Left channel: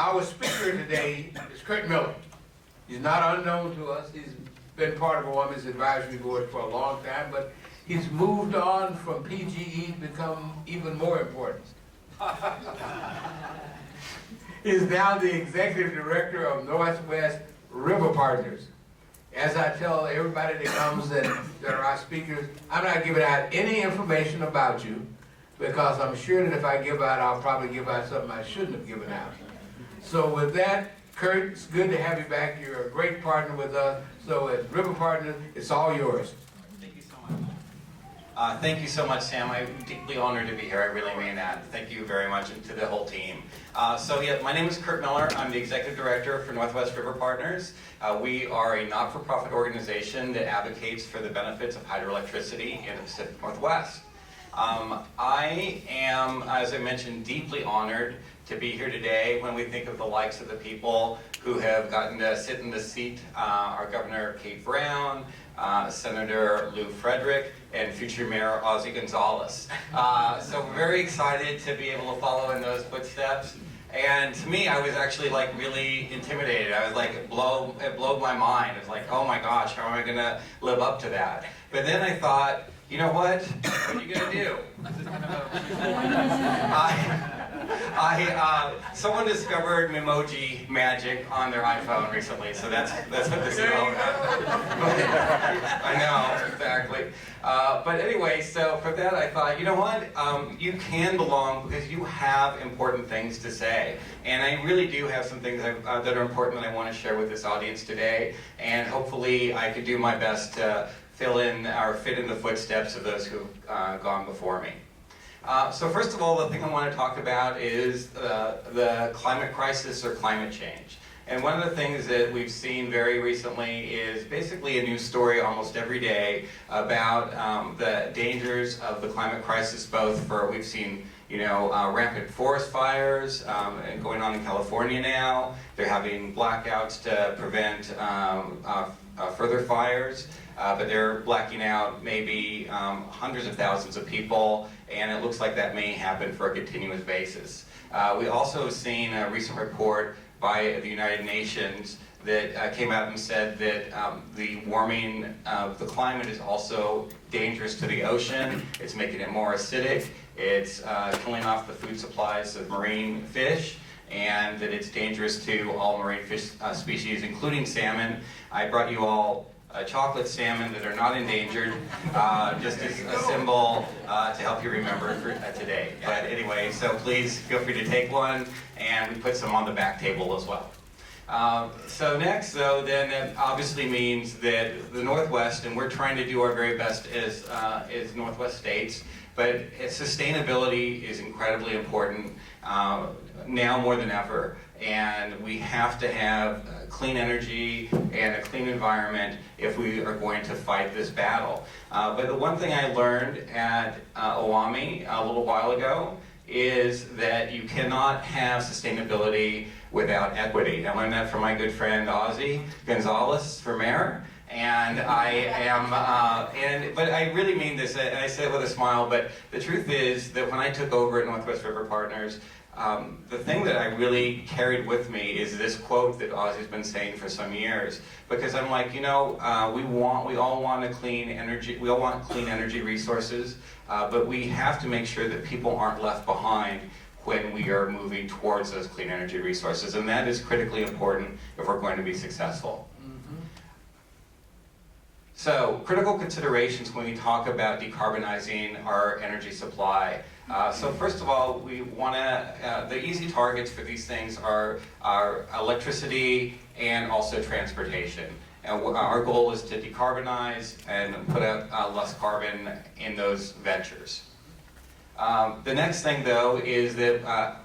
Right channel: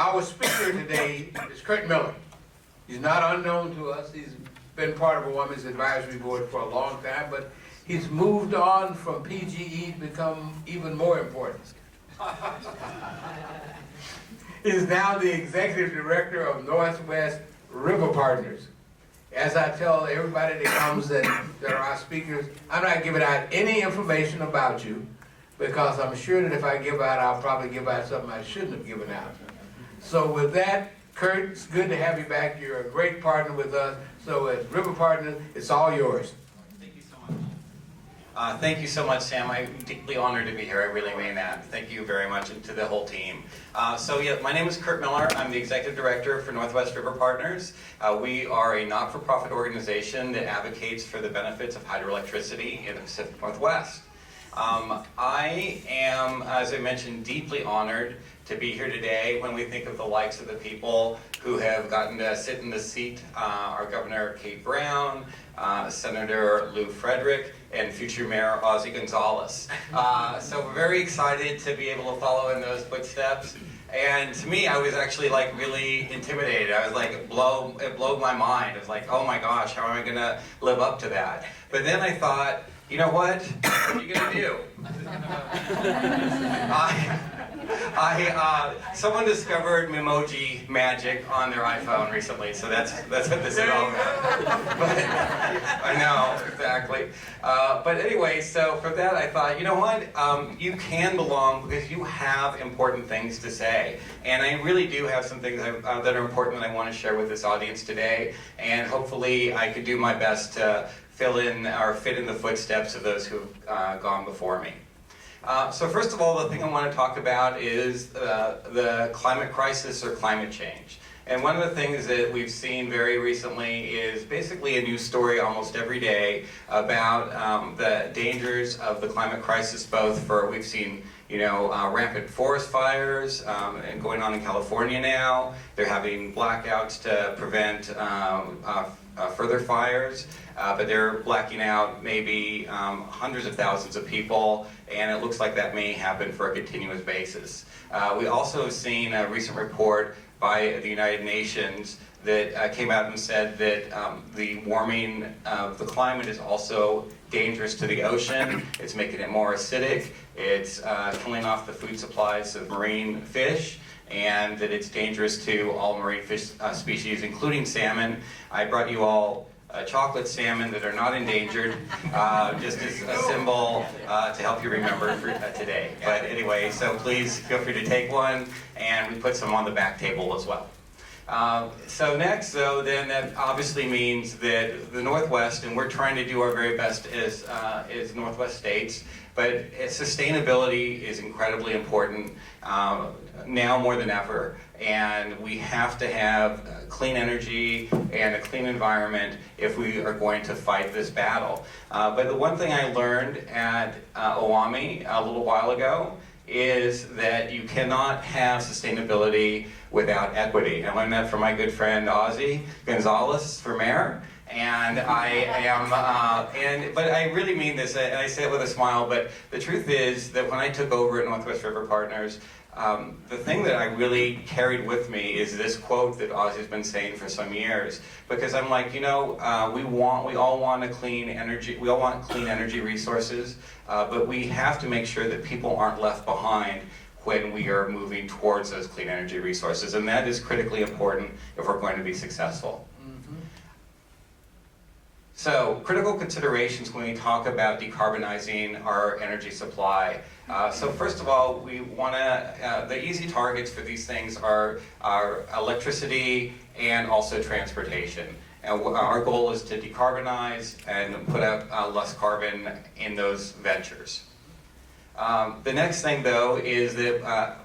Our speaker today is Kurt Miller. He's not unknown to us. He's been part of OAME's advisory board for a long time, but he's moved on from PGE to become even more important. He's now the executive director of Northwest RiverPartners. As I tell everybody that comes and that are our speakers, I'm not giving out any information about you because I'm sure that if I give out, I'll probably give out something I shouldn't have given out. So with that, Kurt, it's good to have you back. You're a great partner with us. So as RiverPartners, it's all yours. Thank you so much. Thank you so much, Sam. I'm deeply honored to be here. I really mean that. Thank you very much, and to the whole team. My name is Kurt Miller. I'm the executive director for Northwest RiverPartners. We are a not-for-profit organization that advocates for the benefits of hydroelectricity in the Pacific Northwest. I am, as I mentioned, deeply honored to be here today when we think of the likes of the people who have gotten to sit in the seat, our Governor Kate Brown, Senator Lou Frederick, and future Mayor Ozzie Gonzalez. So we're very excited to be able to follow in those footsteps. And to me, I was actually like really intimidated. I was like, it blew my mind. It was like, oh my gosh, how am I gonna live up to that? But then I thought, you know what? What are you gonna do? Someone discovered Memoji magic on their iPhone recently, so that's what this is all about. I know, exactly. But anyway, so for that I thought, you know what? You can belong because you have important things to say. And I really do have some things that are important that I want to share with this audience today. And hopefully I could do my best to fill in or fit in the footsteps of those who've gone before me. So first of all, the thing I want to talk about is the climate crisis or climate change. And one of the things that we've seen very recently is basically a news story almost every day about the dangers of the climate crisis, both for, we've seen, rampant forest fires and going on in California now. They're having blackouts to prevent further fires. But they're blacking out maybe hundreds of thousands of people, and it looks like that may happen for a continuous basis. We also have seen a recent report by the United Nations that came out and said that the warming of the climate is also dangerous to the ocean. It's making it more acidic. It's killing off the food supplies of marine fish, and that it's dangerous to all marine fish species, including salmon. I brought you all chocolate salmon that are not endangered, just as a symbol to help you remember for today. But anyway, so please feel free to take one, and we put some on the back table as well. So next, though, then that obviously means that the Northwest, and we're trying to do our very best as Northwest states, but sustainability is incredibly important now more than ever. And we have to have clean energy and a clean environment if we are going to fight this battle. But the one thing I learned at OAME a little while ago is that you cannot have sustainability without equity. I learned that from my good friend Ozzie Gonzalez for mayor. And I am, but I really mean this, and I say it with a smile, but the truth is that when I took over at Northwest RiverPartners, the thing that I really carried with me is this quote that Ozzie's been saying for some years, because I'm like, we all want clean energy, we all want clean energy resources, but we have to make sure that people aren't left behind when we are moving towards those clean energy resources, and that is critically important if we're going to be successful. So, critical considerations when we talk about decarbonizing our energy supply. So first of all, we want to, the easy targets for these things are electricity and also transportation. And our goal is to decarbonize and put out less carbon in those ventures. The next thing, though, is that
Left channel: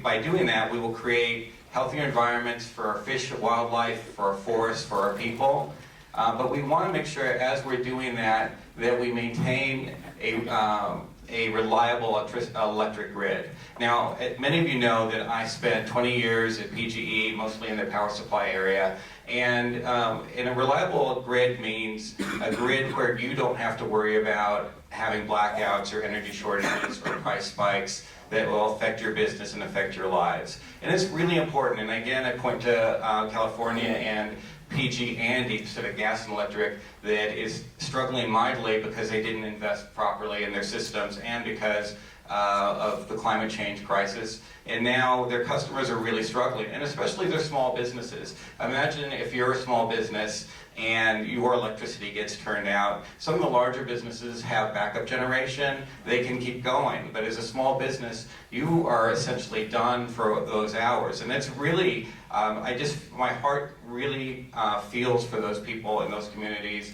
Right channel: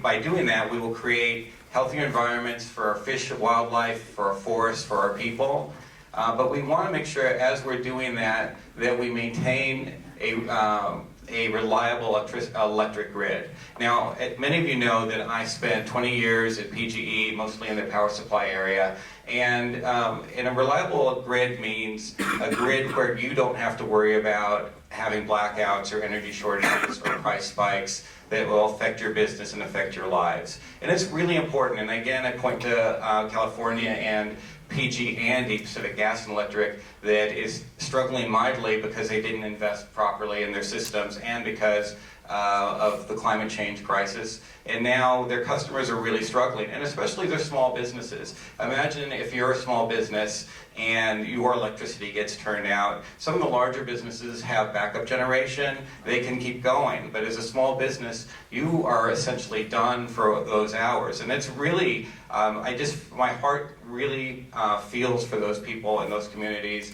by doing that, we will create healthier environments for our fish and wildlife, for our forests, for our people. But we want to make sure, as we're doing that, that we maintain a reliable electric grid. Now, many of you know that I spent 20 years at PGE, mostly in the power supply area, and a reliable grid means a grid where you don't have to worry about having blackouts or energy shortages or price spikes that will affect your business and affect your lives. And it's really important, and again, I point to California and PG&E, Pacific Gas and Electric, that is struggling mightily because they didn't invest properly in their systems and because of the climate change crisis. And now their customers are really struggling, and especially their small businesses. Imagine if you're a small business and your electricity gets turned out. Some of the larger businesses have backup generation, they can keep going. But as a small business, you are essentially done for those hours. And it's really, my heart really feels for those people in those communities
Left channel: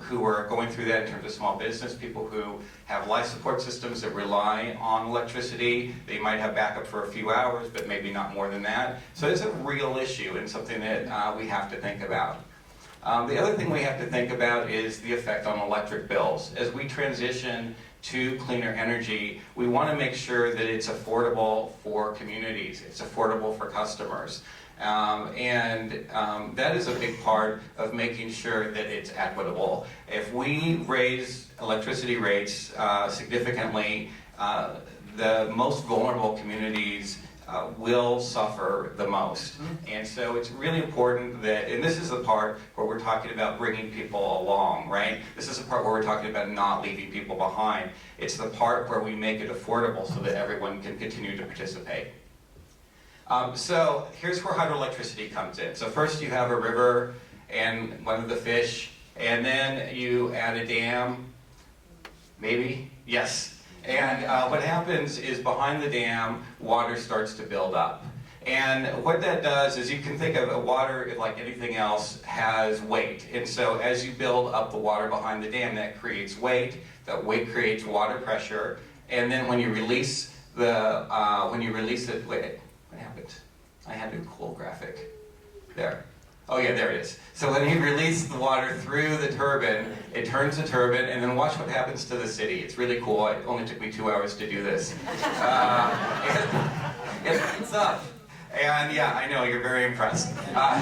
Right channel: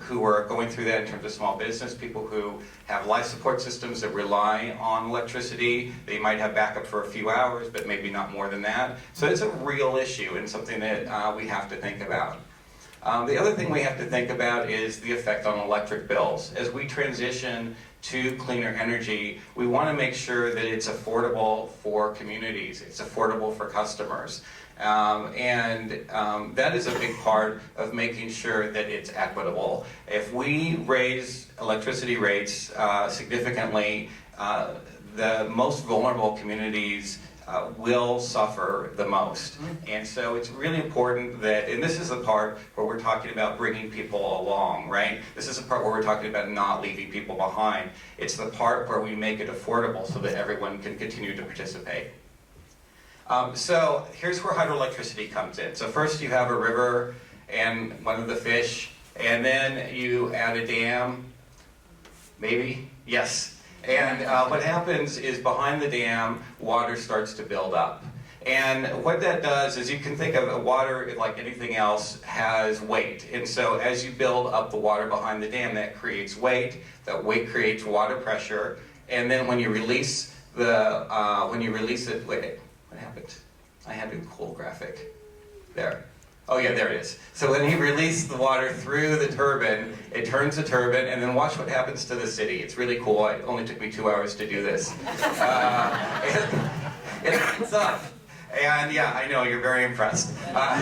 who are going through that in terms of small business, people who have life support systems that rely on electricity. They might have backup for a few hours, but maybe not more than that. So it's a real issue and something that we have to think about. The other thing we have to think about is the effect on electric bills. As we transition to cleaner energy, we want to make sure that it's affordable for communities, it's affordable for customers. That is a big part of making sure that it's equitable. If we raise electricity rates significantly, the most vulnerable communities will suffer the most. And so it's really important that, and this is the part where we're talking about bringing people along, right? This is the part where we're talking about not leaving people behind. It's the part where we make it affordable so that everyone can continue to participate. So here's where hydroelectricity comes in. So first you have a river and one of the fish, and then you add a dam, maybe? Yes. And what happens is behind the dam, water starts to build up. And what that does is you can think of water, like anything else, has weight. And so as you build up the water behind the dam, that creates weight. That weight creates water pressure. And then when you release it, wait, what happened? I had a cool graphic. There. Oh yeah, there it is. So when you release the water through the turbine, it turns the turbine, and then watch what happens to the city. It's really cool. It only took me 2 hours to do this. It lights up. And yeah, I know, you're very impressed. But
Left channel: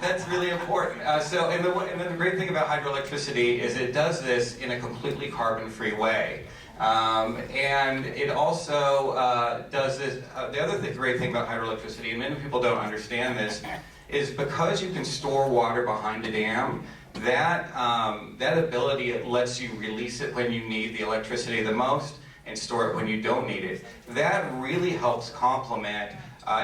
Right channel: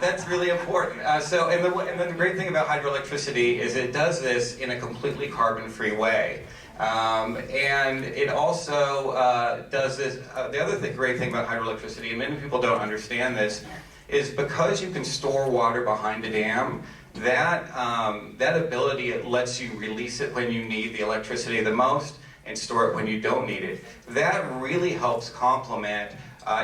that's really important. And then the great thing about hydroelectricity is it does this in a completely carbon-free way. And it also does this, the other great thing about hydroelectricity, and many people don't understand this, is because you can store water behind a dam, that ability, it lets you release it when you need the electricity the most and store it when you don't need it. That really helps complement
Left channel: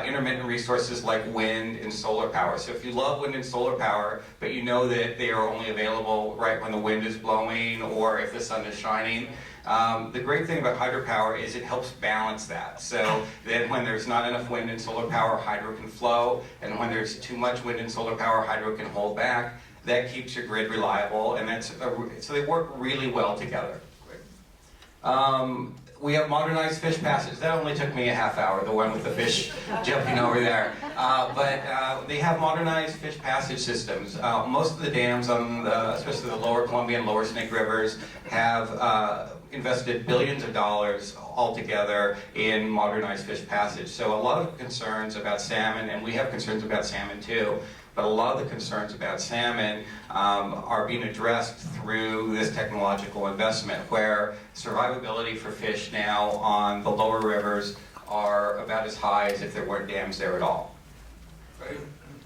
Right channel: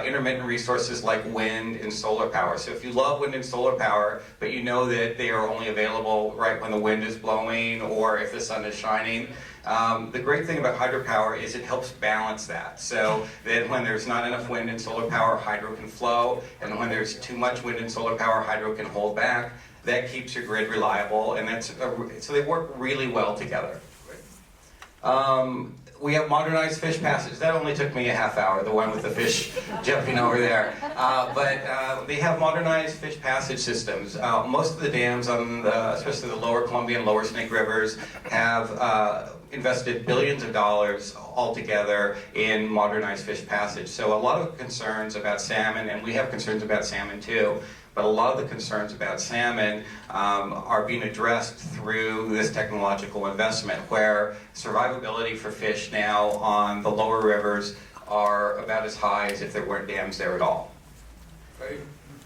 intermittent resources like wind and solar power. So if you love wind and solar power, but you know that they are only available right when the wind is blowing or if the sun is shining, the great thing about hydropower is it helps balance that. So that when there's not enough wind and solar power, hydro can flow, and when there's too much wind and solar power, hydro can hold back. That keeps your grid reliable, and so they work really well together. We have modernized fish passage. That only took me a half hour, the one with the fish jumping over there. But they have modernized fish passage systems. Most of the dams, especially the lower Columbia and lower Snake Rivers, have invested billions of dollars altogether in modernized fish passage. So a lot of concerns about salmon, and we have concerns about salmon too, but a lot of the concerns about salmon are being addressed through this technological investment, where survivability for fish now on the lower rivers are about as high as if there weren't dams there at all. Right.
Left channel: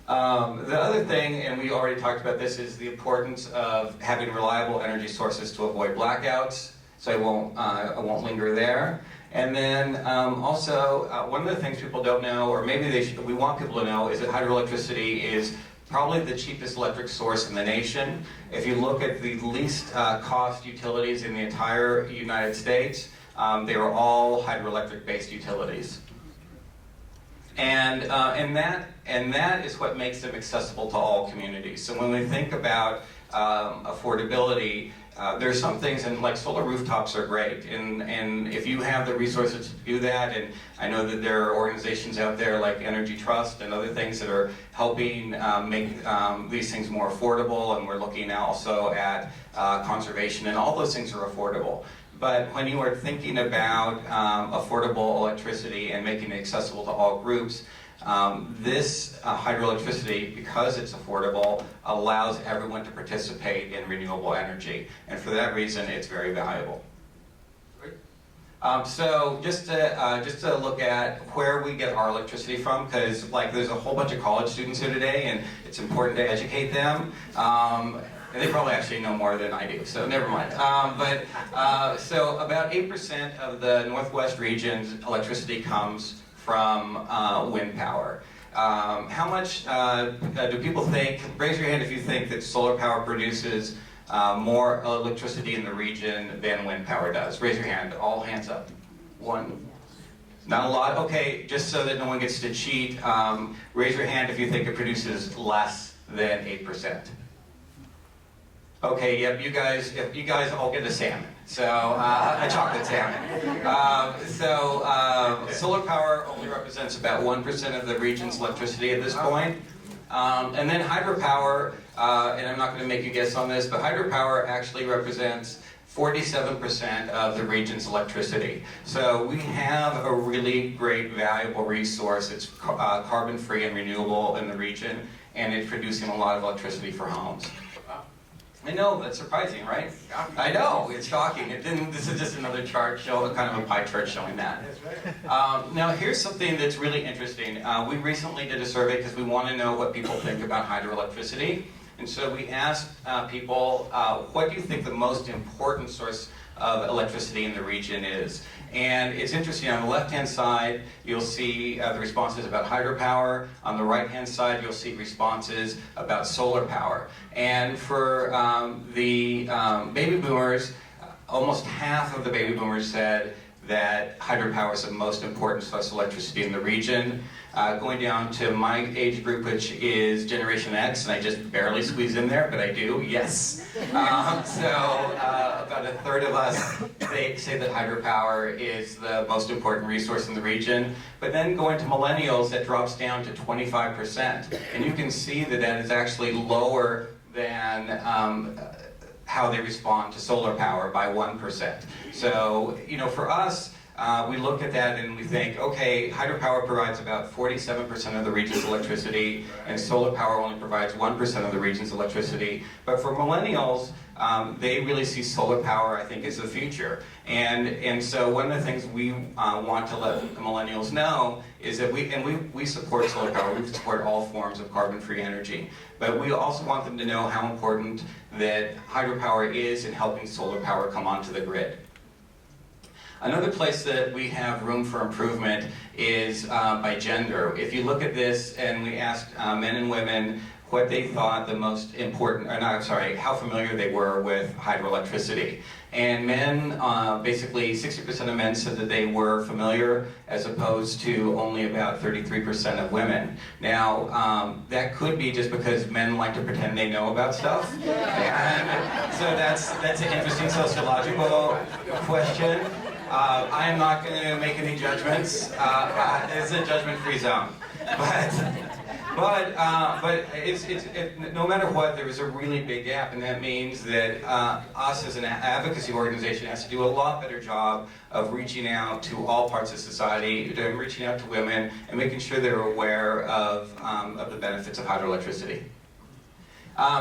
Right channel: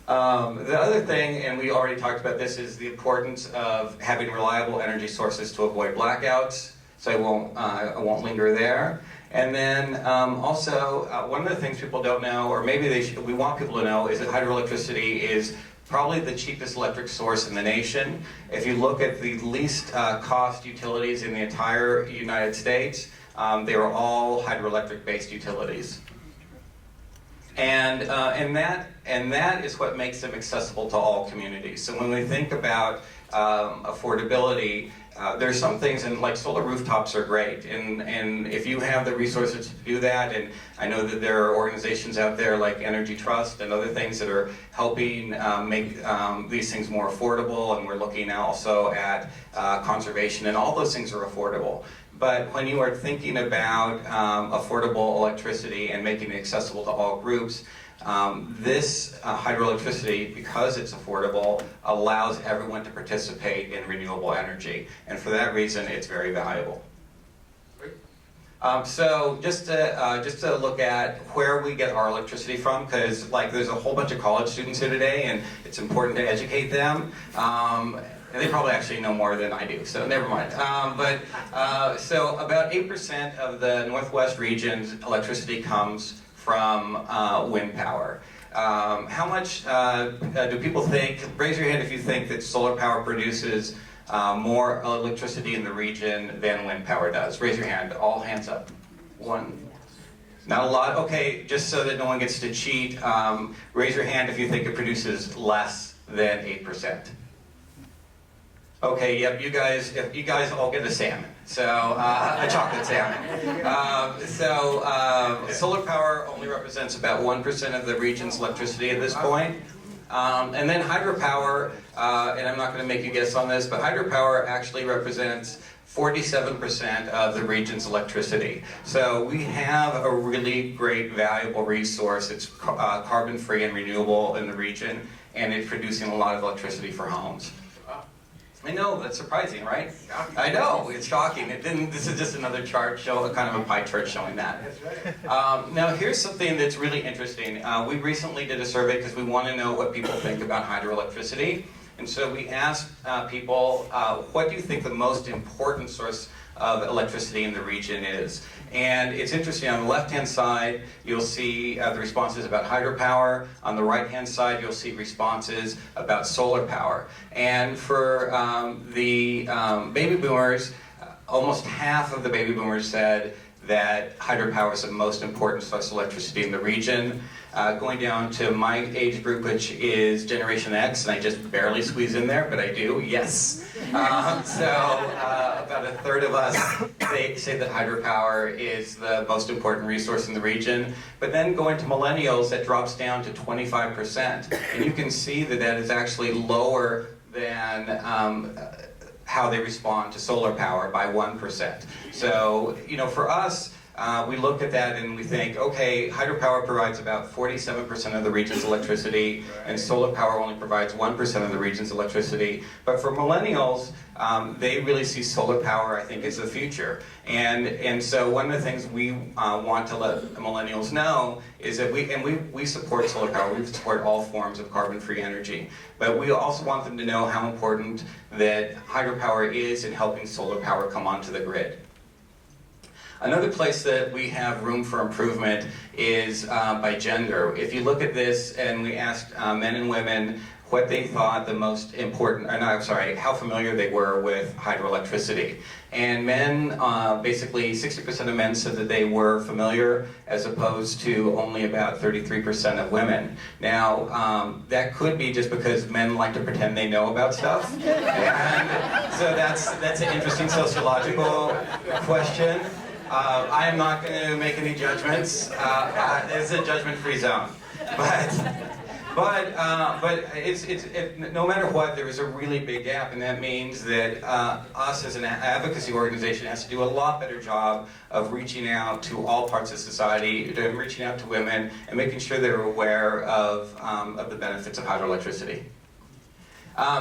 The other thing, and we already talked about this, is the importance of having reliable energy sources to avoid blackouts. So I won't linger there. And then also, one of the things people don't know, or maybe we want people to know, is that hydroelectricity is probably the cheapest electric source in the nation. If you look at the least cost utilities in the entire United States, they are all hydroelectric-based utilities. And that is what makes them accessible to all communities. So when we think about affordability, there's some things, and like solar rooftops are great, and if you have the resources to do that, and I know that there are organizations out there like Energy Trust and other things that are helping make these things more affordable, and we're looking also at conservation, and all those things are affordable. But when you are thinking about affordable electricity and making it accessible to all groups, this hydroelectricity, because it's affordable, allows everyone to participate in renewable energy. And for that reason, it's very valuable. Great. So just to look at where we get our electricity from, because like there's a whole bunch of college students here today, and it's important to educate them. And they probably actually know more than I do, so never mind. So about 8% of the Northwest region's electricity comes from wind power. How much do people think, raise your hand if you think that solar power produces more electricity in the region than wind power does? Raise your hand, all hands up. One. Not a lot? Okay, just so that no one gets to cheat, raise your hand if you think it produces less than 8%. Okay, yep, you guys all get a salmon, so a chocolate salmon. Solar power only represents about 1% of the region's electricity at this point. And then hydropower, and I'm not going to make you guess on this, but hydropower actually represents 47% of the region's electricity. So we have a really great, valuable resource. It's carbon-free and renewable in the region, and it's producing a lot of electricity for homes. I know, that's surprising, right? I know, it's shocking. This is just another chart, kind of a pie chart showing that. Now here's something that's really interesting. We recently did a survey because we want to know what people think about hydroelectricity. And so we asked people, what do you think the most important source of electricity in the region is? And it's interesting, on the left-hand side, you'll see the responses about hydropower. On the right-hand side, you'll see responses about solar power. And for the baby boomers, almost half of the baby boomers said that hydropower is the most important source of electricity in the region. Going down to my age group, which is Generation X, and I just barely squeeze in there, but I do, yes. About a third of us say that hydropower is the most important resource in the region. But then going to millennials, that drops down to 25%. And you can see that that is actually lower than how they respond to solar power by 1%. So, you know, for us, we look at that and we think, okay, hydropower provides about 47% of the region's electricity, and solar power only provides 1% of the region's electricity. But for millennials, they really see solar power, I think, as the future. And so one of the things we want to let millennials know is that we support solar power. We support all forms of carbon-free energy. But we also want them to know how important that hydropower is in helping solar power come onto the grid. Another place that we have room for improvement is by gender. If you look at this and we asked men and women what they thought the most important, how familiar they were with hydroelectricity. And men, basically 60% of men said that they were familiar, as opposed to only about 33% of women. Now, that could be just because men like to pretend they know about stuff. And so that's an interesting sociological question. I am not going to make any judgments. It's a judgment-free zone. But no matter what, there is a really big gap, and that means that us as an advocacy organization has to do a lot better job of reaching out to all parts of society, reaching out to women, and making sure they're aware of the benefits of hydroelectricity.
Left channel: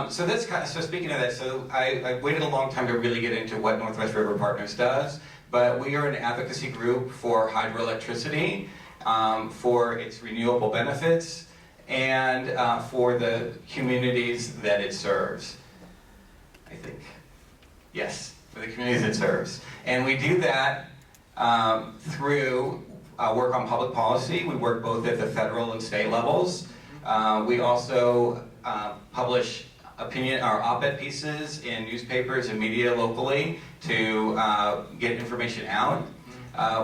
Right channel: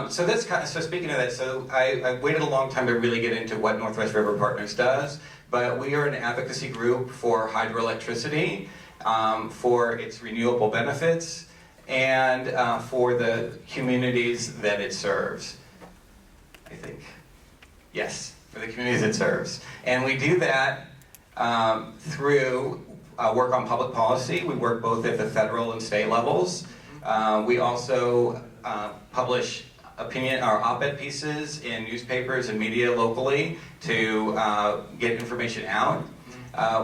So speaking of that, so I waited a long time to really get into what Northwest RiverPartners does, but we are an advocacy group for hydroelectricity, for its renewable benefits, and for the communities that it serves. I think, yes, for the communities it serves. And we do that through work on public policy. We work both at the federal and state levels. We also publish opinion or op-ed pieces in newspapers and media locally to get information out.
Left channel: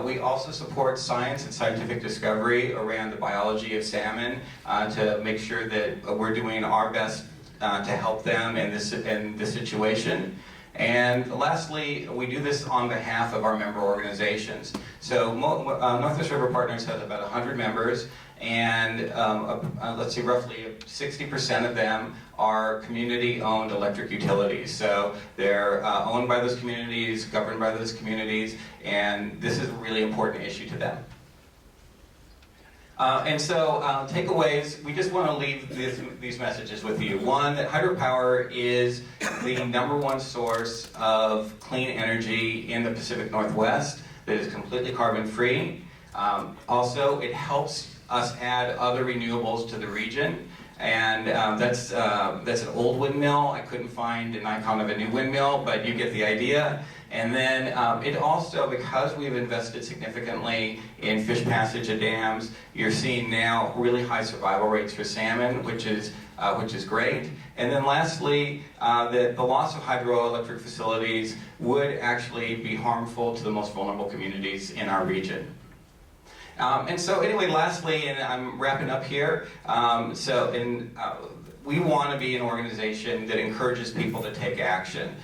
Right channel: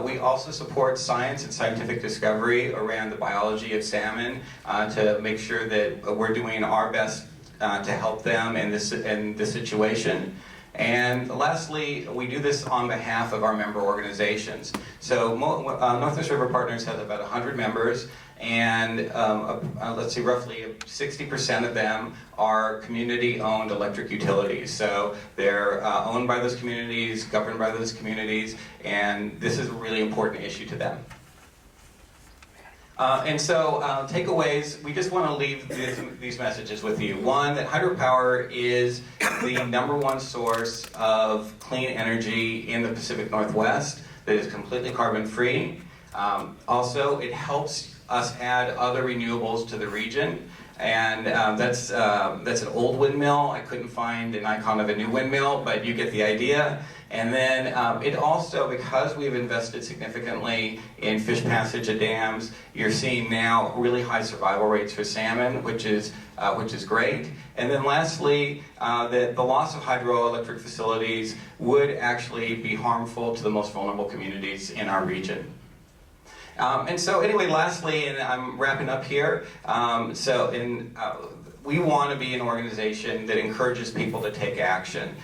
We also support science and scientific discovery around the biology of salmon to make sure that we're doing our best to help them in this situation. And lastly, we do this on behalf of our member organizations. So Northwest RiverPartners has about 100 members, and let's see, roughly 60% of them are community-owned electric utilities. So they're owned by those communities, governed by those communities, and this is a really important issue to them. And so takeaways, we just want to leave these messages with you. One, that hydropower is the #1 source of clean energy in the Pacific Northwest. that is completely carbon-free. Also, it helps us add other renewables to the region. And that's an old windmill. I couldn't find an icon of a new windmill, but you get the idea. And then it also, because we've invested significantly in fish passage of dams, you're seeing now really high survival rates for salmon, which is great. And then lastly, the loss of hydroelectric facilities would actually be harmful to the most vulnerable communities in our region. And so anyway, lastly, and I'm wrapping up here, we want to be an organization that encourages people to take action.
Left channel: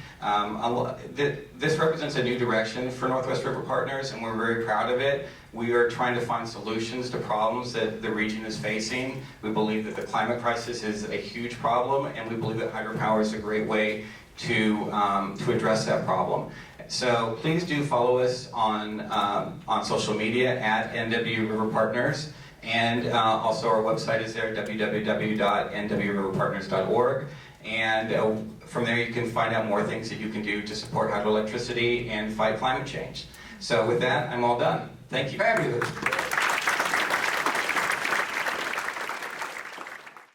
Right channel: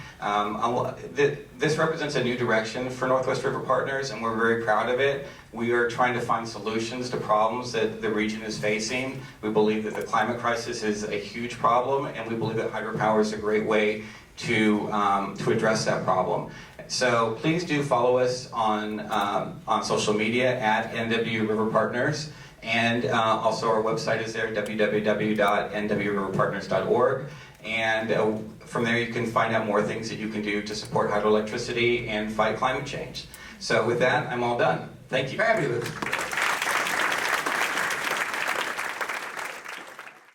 This represents a new direction for Northwest RiverPartners, and we're very proud of it. We are trying to find solutions to problems that the region is facing. We believe that the climate crisis is a huge problem, and we believe that hydropower is a great way to address that problem. So please do follow us on social media at NW RiverPartners, and also our website is there, www.nwriverpartners.org, and from there you can find out more things that you can do to support hydroelectricity and fight climate change. So with that, I'm all done. Thank you. Fabulous.